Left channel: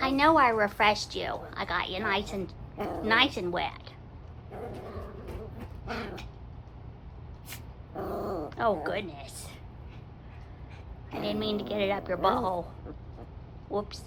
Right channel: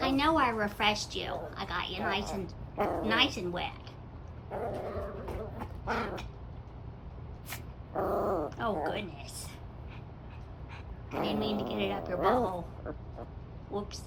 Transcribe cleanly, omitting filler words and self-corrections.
I know I refreshed you. I got you nice and wet. Oh goodness. I didn't mean to get it up your butthole. Whoops.